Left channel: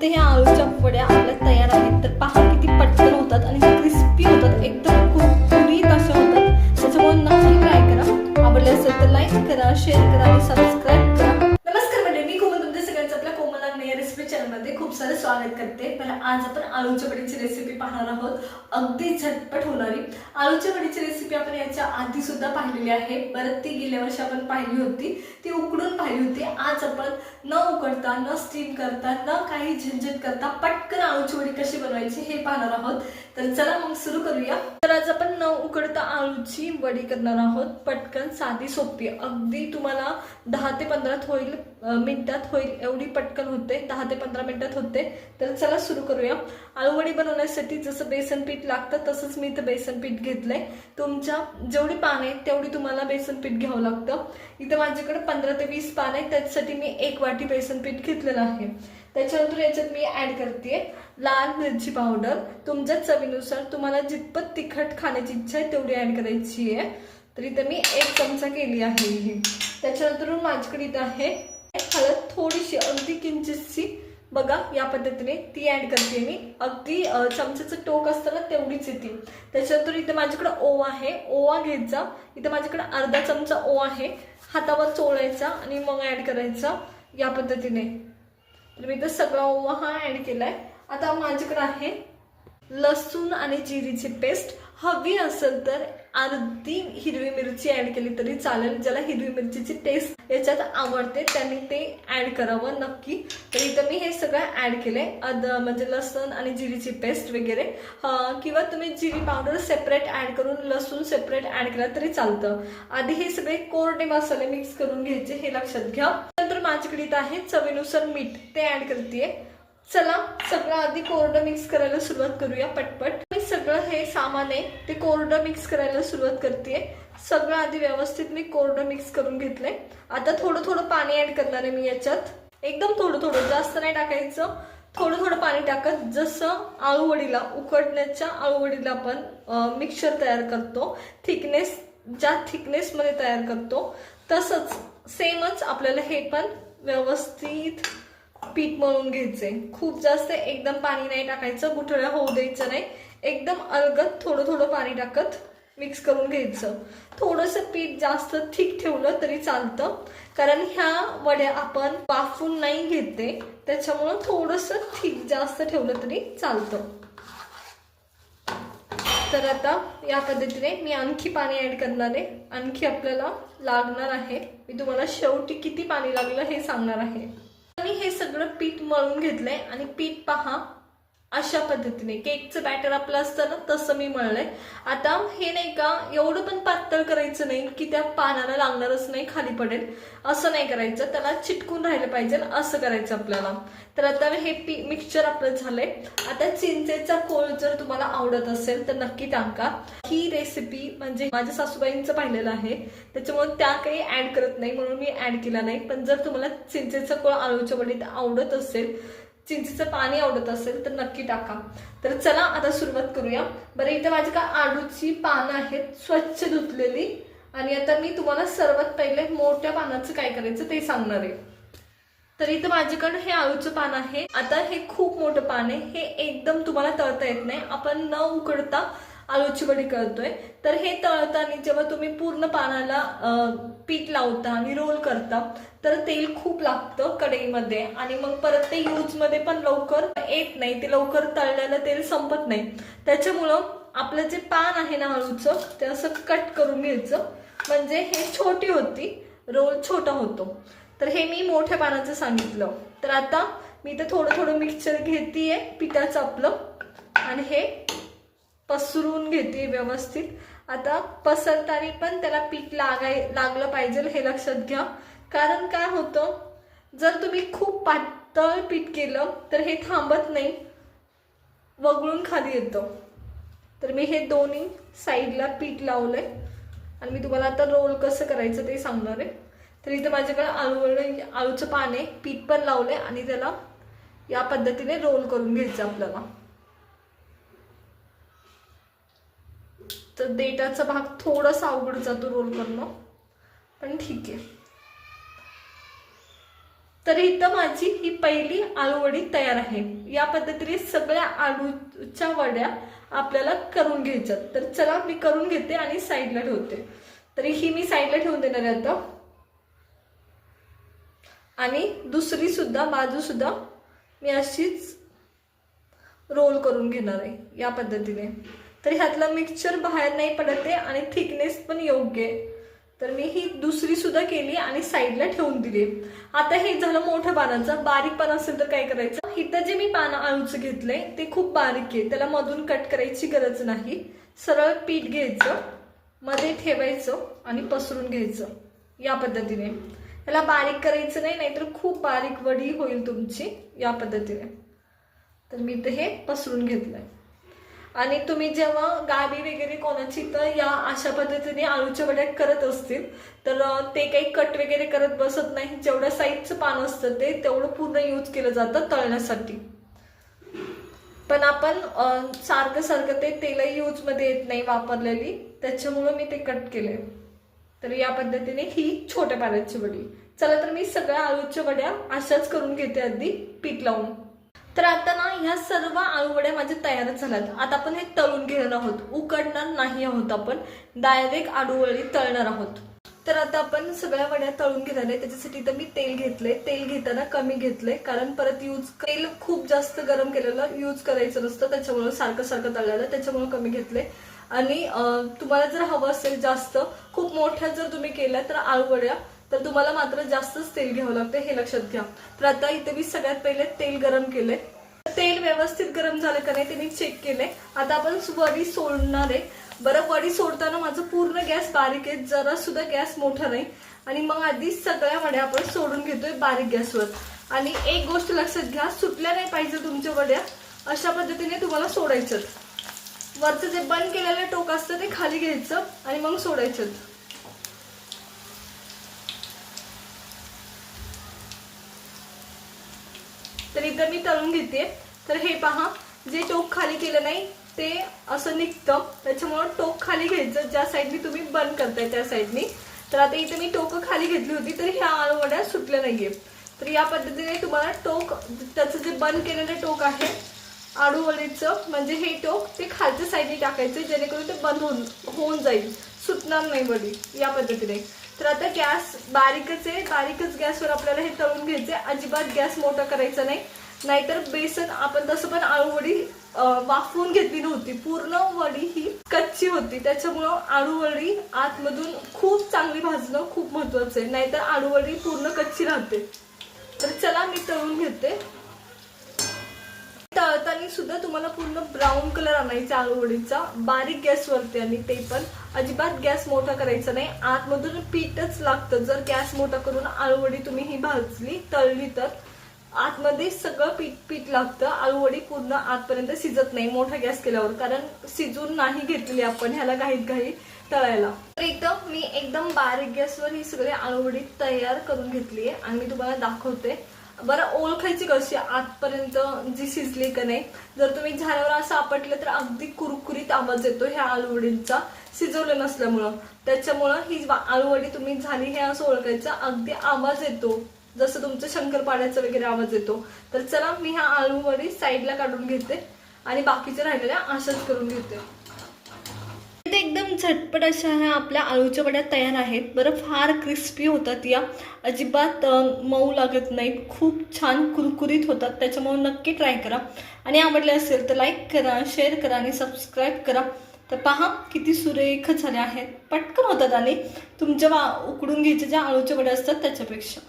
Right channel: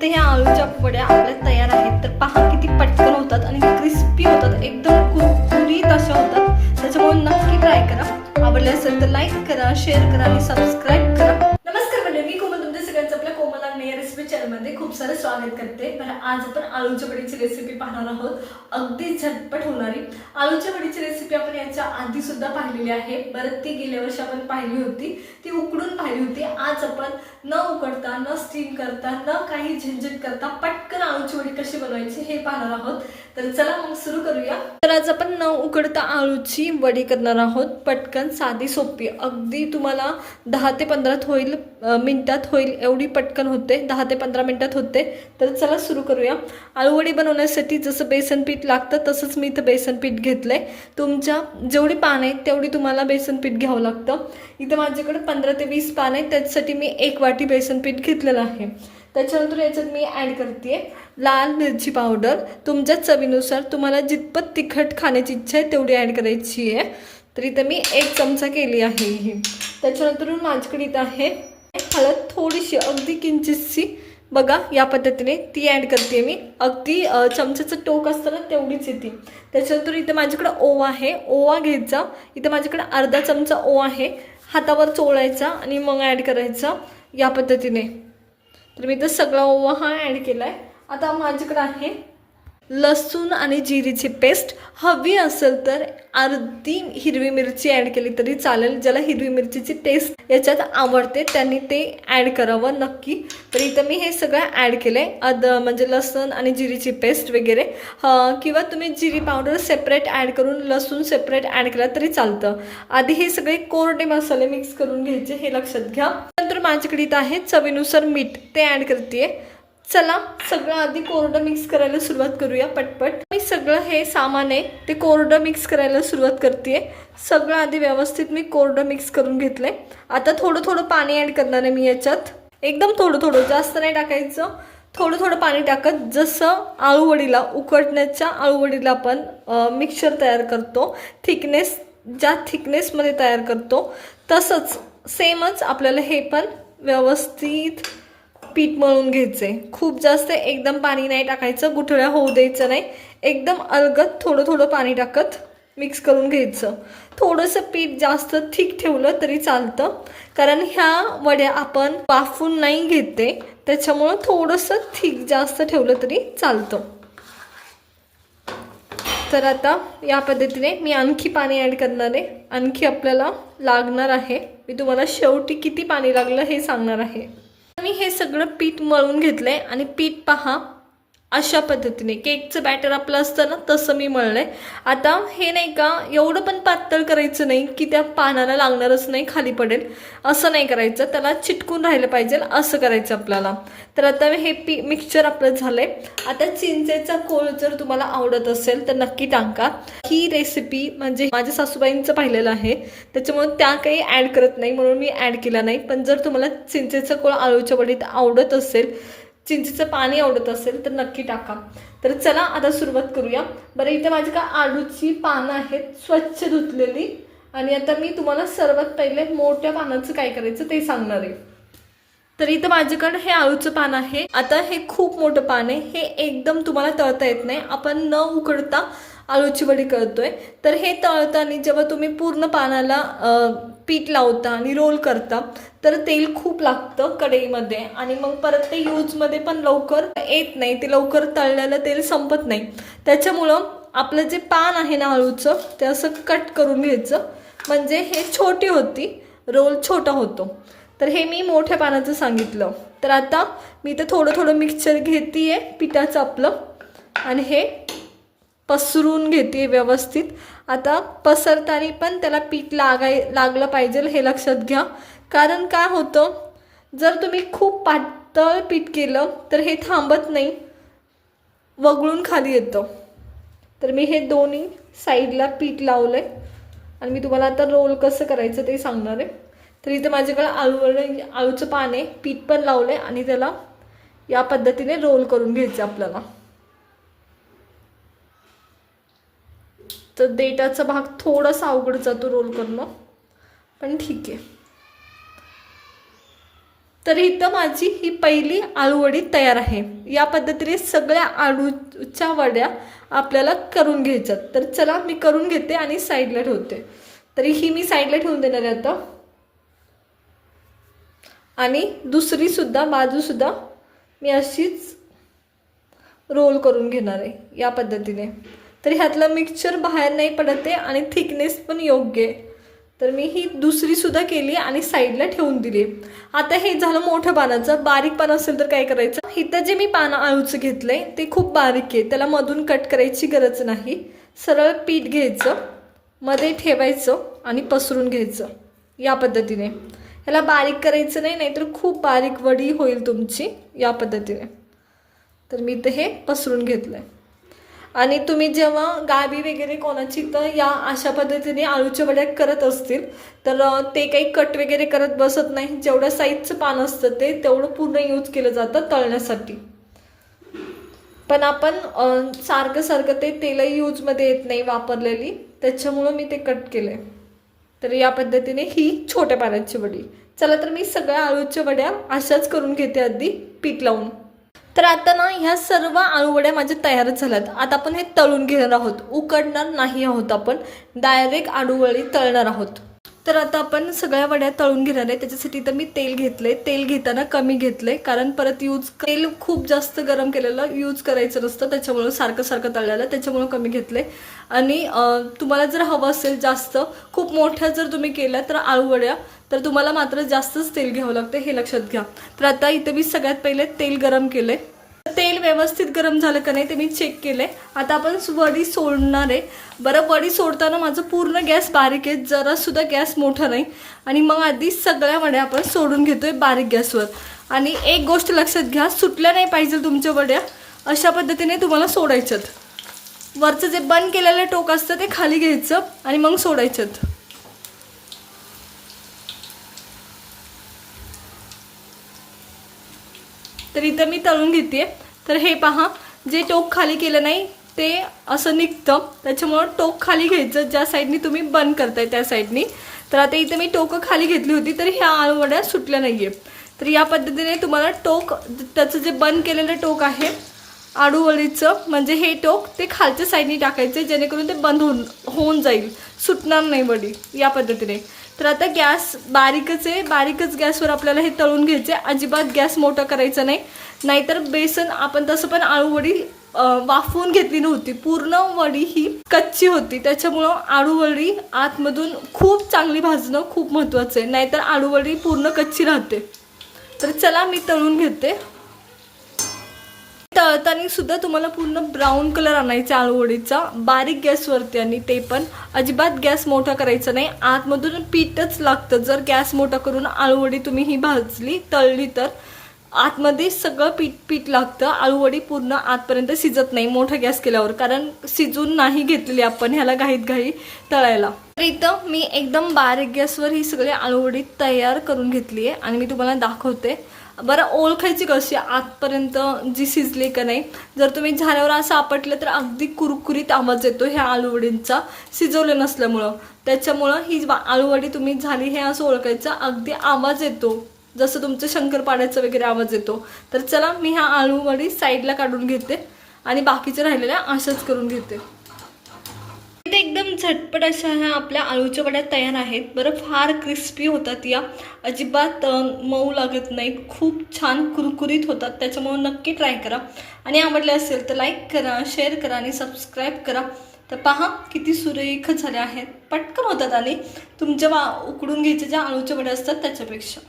इथे ह्या आळूच्या वड्या आपल्या तयार आहेत. तर पहा किती पटकन होतात आणि क्रिस्पी होतात. एकदम कुरकुरीत अशा होतात. त्याच्यामुळे नक्की ट्राय करा. आवडले असेल तर लाईक करा शेअर करा आणि सबस्क्राईब करा नमस्कार म्हणजे मी कोमल तुमच्या सगळ्यांचं आपल्या कोमल अग्ने या रेसिपी चॅनलमध्ये खूप सारं स्वागत करते. पण आज आपण आळूच्या वडीची रेसिपी पाहणार आहोत. अगदी झटपट होणारी. आळूच्या वडीची रेसिपी आपण याच्या आधी सुद्धा पाहिलेली आहे. परत ती गेल्या वर्षी आपण पाहिली होती. ती उकडून पाहिली होती. आज आपण न उकडता न स्टीम करता न काही झंझट करता पटकन आळूची वडी कशी बनवायची हे पाहणार आहोत. तर चला मग सुरू करूया. तर आज आपण न उकडता आळूची वडी करणार आहोत. पटकन साधी सोपी. अगदी तुम्हाला दहा ते पंधरात होईल मिनटात होईल एवढी पटकन होते दहा ते पंधरा मिनटात होते. तर चला सुरू करूया. आळूवडी बनवण्यासाठी जसं बेसन पीठ लागतं तसंच मी इथं बेसन पीठ आहे तुमच्या जेवढी पान आहेत तेवढी तुम्हाला बेसन पीठ घ्यावं लागतं. इथं माझ्याकडे पंधरा ते वीस पान आहेत त्याच्यासाठी मी एक वाटी बेसन पीठ घेतलेलं आहे. त्याच्यानंतर याच्यात मी ॲड करते लाल मिरची पावडर तुमच्या चवीनुसार तुम्हाला जितपत तिखट खाण्याची इच्छा आहे तेवढी ॲड करायची आहे. तर इथं मी एक चमचा केली आहे. ही त्याच्यानंतर माझ्याकडे इथं आहे हळद थोडीशी अगदी किंचितशी. बघा या पद्धतीने ती ॲड करते मी. अगदी चमच्याचं टोक असतं ना तेवढीच येते. त्याच्यानंतर इथं माझ्याकडं ओवा आहे. ओवा घ्यायचा इथं माझ्याकडे अर्धा चमचा ओवा आहे. हातावर चोळायचा आणि मग ॲड करायचा या पद्धतीने. तर मी इथं सगळा ओवा हा ॲड केला आहे आता माझ्याकडं आहे लसूण आणि जिरीची पेस्ट हवी असेल तर अर्धी हिरवी मिरची ॲड केली तरी चालेल. ज्याला हिरवी मिरचीची टेस्ट याच्यात आवडते त्यांनी ते ॲड करावं नक्की. तर इथं मी हे सगळं ॲड केलं आहे अद म्हणजे लसूण आणि जिरीची पेस्ट वगैरे. किंवा तुम्ही जिरी पावडर सेपरेट ॲड करून लसूण सेपरेट ॲड केलं तरी चालतं. आधी हे सगळे कोरडे मसाले मिक्स करून घ्यायचे हे लक्षात घ्या. नंतर माझ्याकडे इथं आहे चवीनुसार मीठ. ते ॲड करते चला सगळं आधी कोरडं मिक्स करायला सुरुवात करूया पटपट. मी सगळं हे सामान आहे ते कोरडं मिक्स करायला सुरुवात करते सगळं आधी व्यवस्थित मी कोरडं मिक्स करून घेतलंय. आता थोडं थोडं पाणी ॲड करणार आहे मी याच्यात. एकदम थोडं थोडं जास्त नाही टाकायचं. थोडं थोडं पाणी टाकत जसं आळूवडीला उकडण्याच्या आळूवडीला आपण मिक्सर तयार करतो. थिकनेस ज्या थिकनेसमध्ये तयार करतो तसंच सेमच आपल्याला हे पण व्यवस्थित पीठ मळून घ्यायचे. खूप जास्त एकदम पाणी नाही टाकायचं गुठळ्या होऊ द्यायचं नाही. एकदम अलगत थोडं थोडं पाणी टाकत मिक्स करून घ्यायचं. थोडंसं पीठ जास्त थिक ठेवलं तरी चालतं. कारण ह्या वड्या आपण वाफून नाही घेते त्याच्यामुळं थोडंसं थिक जास्त ठेवलं तरी चालतं. तर आता या पद्धतीने मी आणखी पाणी ॲड करणार आहे. आणखी आपल्याला लागणार आहे. मी तुम्हाला शेवटी किती पाणी लागलं हे सांगणार आहे. मी हे सगळं पीठ मळून घेतलंय आणि पीठ पहा. अशा पद्धतीने. केकचं बॅटर आपलं असतं ना तसं मी मळलंय आता हे नाही का एवढं पण पातळ करायचं नाही की त्या पानाला लागणारच नाही खाली पडेल. असं नाही करायचं. त्याला चिटकून राहिलं पाहिजे असं करायचं आपल्याला. तर आता हे पी मिक्सचर आपलं झालंय. आता चिंचेचा कोळ जर तुम्हाला आवडत असेल तर नक्की टाका. ही रेसिपी म्हणजे माझ्या सासूबाईंचं पाहिलेलं आहे. त्याच्यामुळे त्या काही ॲड करत नाही म्हणून मी ॲड केला नाही. पण जर तुम्हाला चिंचेचं कोळ आळूच्या वडीत आवडत असेल चिंचेचं पाणी आवडत असेल तर नक्की टाका. तर चला आता सुरुवात करूया. बरं इथं माझी का आडूची पानं आहेत स्वच्छ धुतलेली. आणि आता मी तुम्हाला सर्वात पहिले मोठ्या पानाचं काय करायचं ते सांगणार आहे. तर इथं माझ्याकडे हे आळूचं पान आहे. आता हे खूप मोठं पान आहे. हे एकदम तुम्हाला तळता येत नाही. आपण न उकडता आळूची वडी करतोय तर हे तळताना जेव्हा तुम्ही पूर्ण पानाला पीठ लावता आणि रोल करता तर तेल खूप लागतं कढईमध्ये आणि मग परत ते यूजमध्ये पण लवकर येत नाही. ते लवकर तळलेलं तेल संपत नाही. त्याच्यामुळं आपलं जे पान आहे ना आळूचं ते असं कट करून घ्यायचं. म्हणजे हे छोटी होती रोल छोटा होतो. तर हे मी मोठ्या पानाचं सांगितलं. तर आता मी इथं थोडं थोडं मिक्सचर घेते आहे पिठाचं आपलं. आणि हे पसरून घेते व्यवस्थित. आता पसरताना पण त्याला पीठ लागाय लागलं पाहिजे हे लक्षात घ्या. कारण काय होतं? जर तुम्ही खूप पातळ पीठ केलं तर हे थांबत नाही. वगळून खाली येतं. तर मी हे दोन्ही साईडला पीठ लावलं आहे आणि मी तुम्हाला आता रोल कसं करायचं ते सांगणार आहे. तर इथं माझ्याकडे आळू आळूचं पान आहे. पीठ पण लावलं आहे आणि त्याला या पद्धतीने रोल करून घ्यायचं आपल्याला. तर डेटाचा भाग थोडासा अवघड जातो रोल करणं. पण ठीक आहे. तर इथं माझी ही पहिली आळूवडी तयार आहे. या पद्धतीने सगळ्या आळूच्या वड्या आपल्याला करून घ्यायच्यात. तर चला मी करून घेते आणि साईडला ठेवते. तरी ही मी साईडला ठेवून देणार आहे आता. आणि दुसरी सुद्धा मी अशीच रोल करून घेणार आहे या पद्धतीने. तर ह्यातलं मिक्सचर बाहेर नाही पडत आहे आणि थिकनेस पण योग्य आहे. तर मी ही दुसरीसुद्धा केली आणि साईडला ठेवून दिली. आता हे झालं मोठं पानाचं. बारीक पान असेल तर काय करायचं? इथं जे मी पानं आळूचं घेतलंय ते खूप बारीक आहे. त्याला मधून कट करायची गरज नाही. सरळ पीठ घ्यायचं मध्ये ठेवायचं आणि पसरून घ्यायचं या पद्धतीने. ह्याला बारीक करायचं नाही नाहीतर खूप बारीक वडी होईल तुमची या पद्धतीने. तर मी इथं हे पसरून घेतलं आहे आणि तुम्ही जेव्हा गावी वगैरे कोणाची तर या अशा पद्धतीने आळूच्या वड्या करत असतील तर ते काही कट वगैरे करत बसत नाही. जेवढं साईजचं पान असतं ते तेवढं पूर्ण यूज केलं जातं तळण्यासाठी. पण आपण सारखं सारखं ते तेल यूजमध्ये येत नाही वापरलेली. त्याच्यामुळं मी ते कट केले तर या पद्धतीने ही छोट्या पाण्याची वडी. चला तर मी सगळ्या आळूच्या वड्या अशाच करून घेते आधी पीठ लावून. तर आता ना ह्या सर्व आळूवड्या माझ्या तयारच झाल्यात. आता आपण हे तळून घेणार आहोत. उकडणार नाही आहोत आपण. डायरेक्ट आळूवळी तळणार आहोत. तर आता आपण सगळ्या वड्या तळून घेणार आहे. त्याच्यासाठी तर मी तेल घेतले तेल घेताना कमी घेतले कारण परत यूज तेल खूप जास्त गरम केलेलं यूज करायचं नसतं. त्याच्यामुळं सारखं सारखं तळलेलं. त्याच्यामुळं कमी घेतले आणि तुम्हाला जर हवं असेल जास्त खूप मोठ्या जर तुम्ही केल्या तर आळूवड्या तर तुम्हाला मात्र जास्तच तेल घ्यावं लागतं हे लक्षात घ्या. तर आता इथे मी सगळ्यात पहिले तेल गरम केलंय. तेल व्यवस्थित गरम झालं का नाही ते मी चेक केलंय. आता आपण वडी सोडणार आहे. बरं वडी सोडताना माझं पूर्ण गॅस बारीक आहे जरा सुद्धा गॅस मोठा नाही. आणि मग आधी सगळ्या वड्या आपण सोडून घेतोय बारीक गॅसवर. आणि एक गोष्ट लक्षात घ्या सुटल्या नाही पाहिजे तुमच्या वड्या अशा पद्धतीने तुम्हाला सोडायच्यात. वरचं जे बंद केलेलं टोक असतं ते खाली घ्यायचं आणि मग सोडायच्यात. तर इथं मी तळून घेते. तर हे पहा जे टोक खाली केलं नाही ते असं निघतं. त्याच्यामुळं टोक खाली घ्यायचं. ज्या साईडनी तुम्ही बंद करताय त्या साईडनी. तर आता इथे मी टोकं खाली घेतली होती तर ह्या आळूवड्या सुटल्या नाहीये. तर या पद्धतीने तुम्हाला टोक त्याचं जे बंद केलेलं टोक आहे आडूवळीचं म्हणजे हे टोक ते खालच्या साईडनी टाकायचे जेणेकरून ते बंद होऊन होऊन जाईल. सुटणार नाही वडी या पद्धतीने. तर आता गॅस बारीकच आहे. बारीकच गॅसवर आपल्याला हे तळून घ्यायचे अजिबात गॅस मोठा करायचा नाही. नाहीतर बेसन आपण तसं पण आळूवडी वाफवून घेतली नव्हती. पूर्ण वडी ही कच्ची होती. त्याच्यामुळं आळूवडी आतमधून खूप चांगली भाजणं खूप महत्त्वाचं आहे. नाहीतर आळूवडी पूर्ण कच्ची राहते. तर चला मी तळून घेते. तळताना सुद्धा तुम्हाला पूर्ण ब्राऊन कलर आणायचा आळूवडीचा बारीक गॅसवरती आणि ते पण. अजिबात गॅस मोठा करायचा नाही. आतमधून पीठच लागतं. जर गॅस मोठा करून आळूवडी तुम्ही ही भाजली तळली तर आतमध्ये सगळं पीठ पीठ लागतं. आळूवडी पूर्ण आतपर्यंत शिजत नाही मोठा गॅस केल्यावर. कारण शिजून नाही घेतलेली आपण ह्याला घाईत घाई तळायला. तर इथं मी एकदम बारीक गॅसवर ही सगळी आळूवडी तयार करून घेतली आहे आणि मी तुम्हाला दाखवते. बरं ओळखायची कशी? आतपर्यंत जी शिजली का नाही जर तुम्ही झाल्यावर असं आपटलं तर अगदी कुरकुरीत आवाज येतो ह्या आलूवडींचा. शिजवलं नसल्यामुळं. त्याच्यामुळं ही आळूवडी आलूवडी तुम्ही झाली हे असं ओळखायचं अगदी आवाज येतो. जसं तुमचं शंकरपाड्याचा वगैरे आवाज येतो. तर चला मी ह्या आलूवडी साईडला काढून घेते आणि बाकीच्या राहिलेल्या अशाच करून घेते. इथे एकदम झटपट अशा ह्या आपल्या आळूच्या वड्या तयार आहेत. बरं फार क्रिस्पी होतात या. अजिबात मऊ लागत नाहीत. खूप छान कुरकुरीत होतात. त्याच्यामुळे नक्की ट्राय करा. आणि आवडले असेल तर लाईक करा शेअर करा आणि सबस्क्राईब करा. तर पहा किती सुरेख झाल्या आहेत. पटकन होतात आणि तुमच्या वा उकडून घ्यायच्या ज्या आळूच्या वड्या असतात त्याच्यापेक्षा.